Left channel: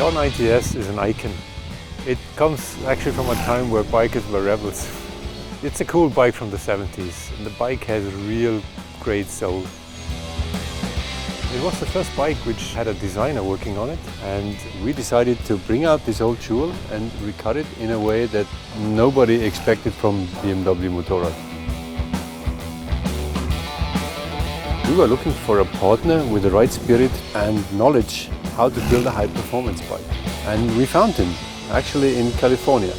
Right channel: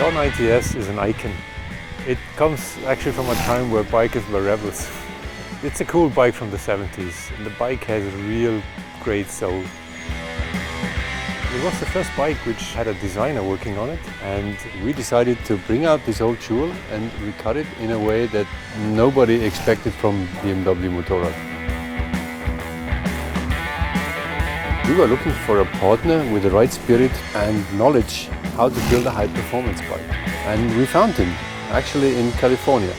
The R90S is an icon. It comes actually from a time where bikers were rebels. It's a cool bike from the 70s, and the bike has a real great soul. It was the first bike which had a designer working on it, and we decided to bring out this old jewel and recut it in a way that nobody expected from BMW Motorrad. We were looking for a partner with the right spirit and knowledge how to build a high-performance bike. And we found him, actually in California.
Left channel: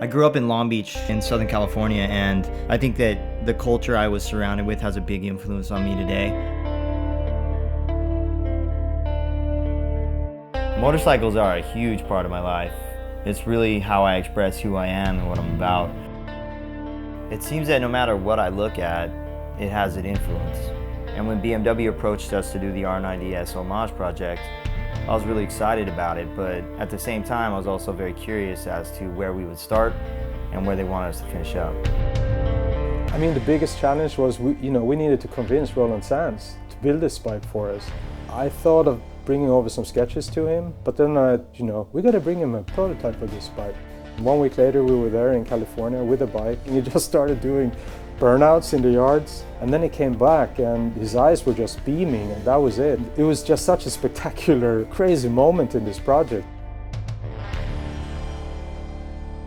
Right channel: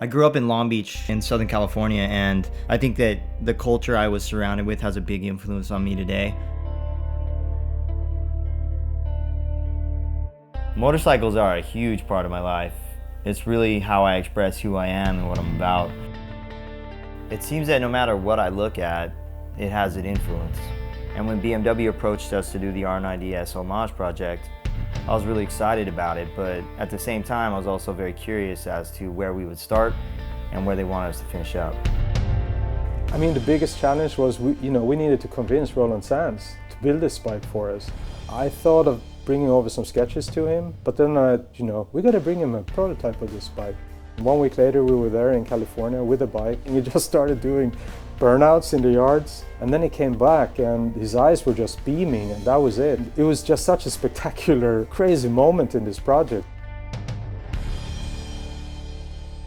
I grew up in Long Beach in Southern California, and I think that the culture I was surrounded with has a big influence on me today. Motorcycles are a huge part of my life. It's really how I express who I am and what I'm about. It seems that no matter what I look at, it has an influence. And when BMW approached us to do the R90S homage project, I was really excited about it, but at the same time, I was also very curious as to where we would start and where they wanted us to finish up. I mean, the biggest challenge was we needed to convince Roland Sands to build this bike for us. I thought of bringing over some sketches to him, but then we got to bring him a prototype of this bike. 1 week later, we were there in California with a bike, and he just started doing burnouts in the yards. And then he came back and his eyes were just beaming, and that was it. It was just such a spectacular, crazy moment in this project.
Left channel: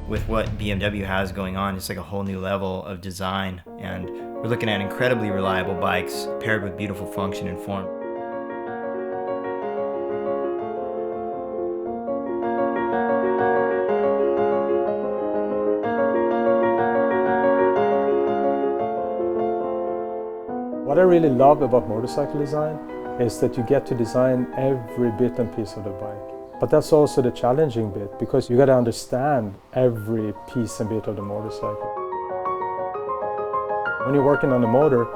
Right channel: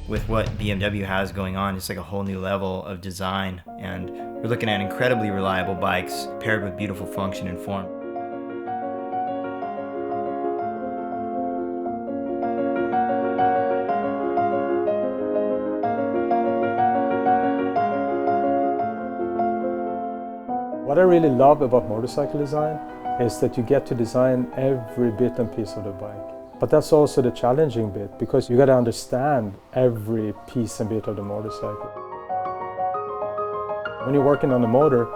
With what BMW has going on, it's like a whole new level of design, and we're looking at incredibly reliable bikes paired with beautiful function and form. What I really love about motorcycle design is that you get to design every bit and piece of the bike. But that's also the challenging bit, because you got to understand every piece and bit of the motorcycle. When you're working on a motor,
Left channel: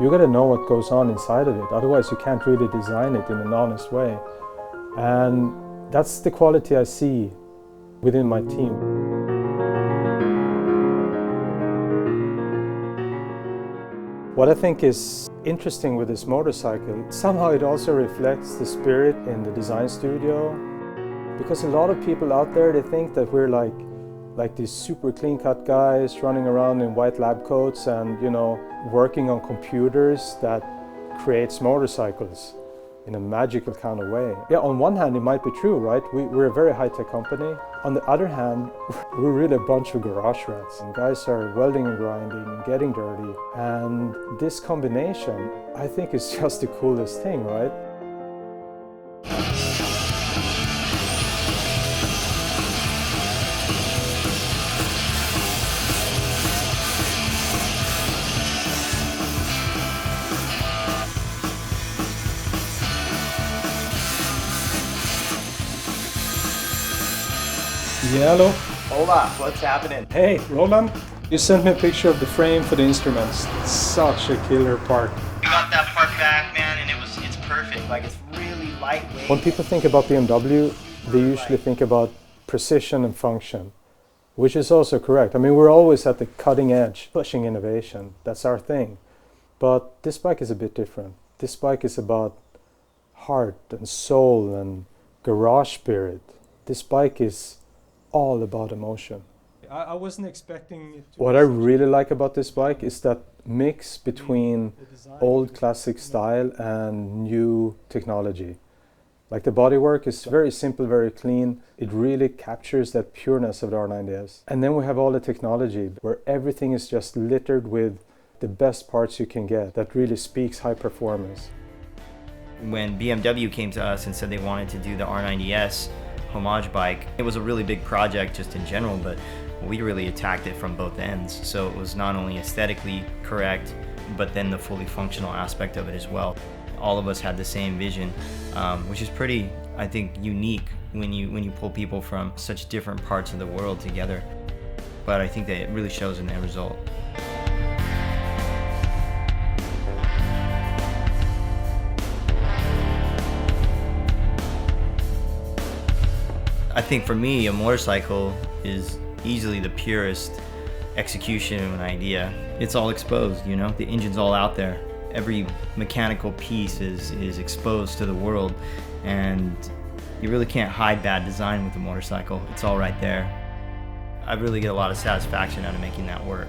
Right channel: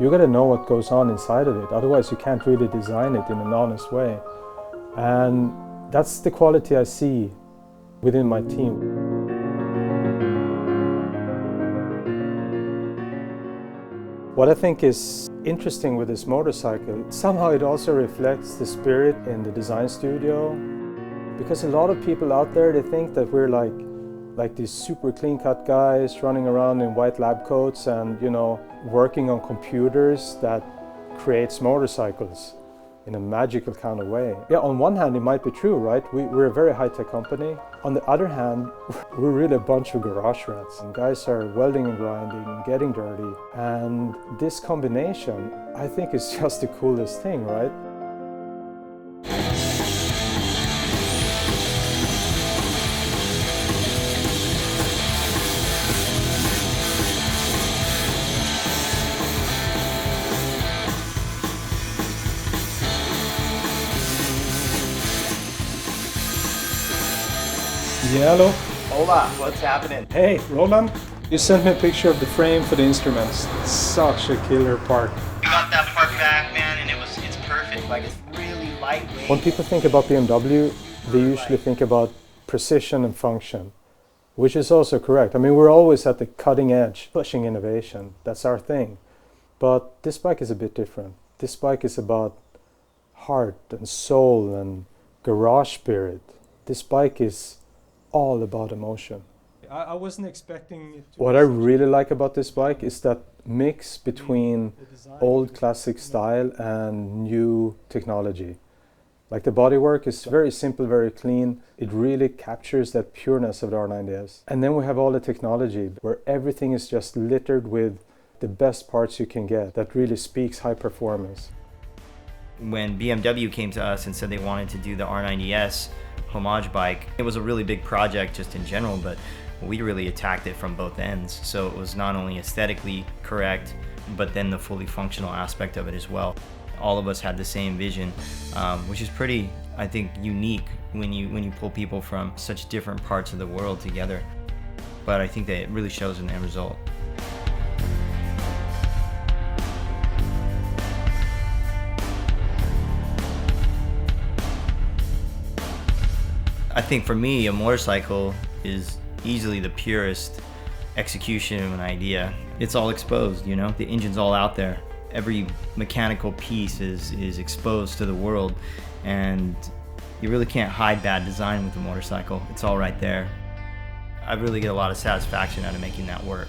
you got to know what goes on inside of it, otherwise you can't really design it in an honest way. And that's the quality I see within my team. What I think is interesting with this motorcycle, somehow it also reflects the spirit in the design studio. Because a lot of people out there, they think that we're like these super clean-cut guys running around in white lab coats and, working on computers that creates motorcycles in a magical kind of way. Yeah, on one hand it might be true, right? We're a very high-tech company. On the other hand, we're really a bunch of garage rats. And guys are welding and grinding and getting dirty. And this combination, I think, is just the coolest thing, right? Yeah, hello. Hola, what's happening? Hey, Roland, you sent me a picture of the frame for the instruments. It's such a killer part. We got that part back, man, and it's perfect. Like, it's really lightweight. When people think about BMW, they usually think about precision and function, which is also correct. I mean, we're always at the cutting edge, pushing innovation. That's our thing. But this bike is a bit different. This bike is about heart and soul and garage spirit. This bike is all about emotion. I wasn't expecting it to. What I really like about this bike is that mix between old classic style and new technology. Like, the bodywork is very simple, very clean. It really captures that pureness of the R90S. And then we have all the technology where everything is just littered with the best parts you can get that really speaks high performance. When BMW came to us and said they wanted to do the R90S homage bike, it was a really big project just in general, but we really attacked it from both ends. So it was not only aesthetically correct, but then the fully functional aspect of it as well. All of us had the same vision, which is pretty, I think, unique when you pull people from such different parts of the world together. But I think that it really shows in the end result. I think for me, a motorcycle is easily the purest execution of an idea, it's all exposed, you know? The engine's all out there. Every mechanical piece is exposed to the world, and you really can't hide bad design with a motorcycle. It's all right there. I really get a lot of satisfaction out of making that work.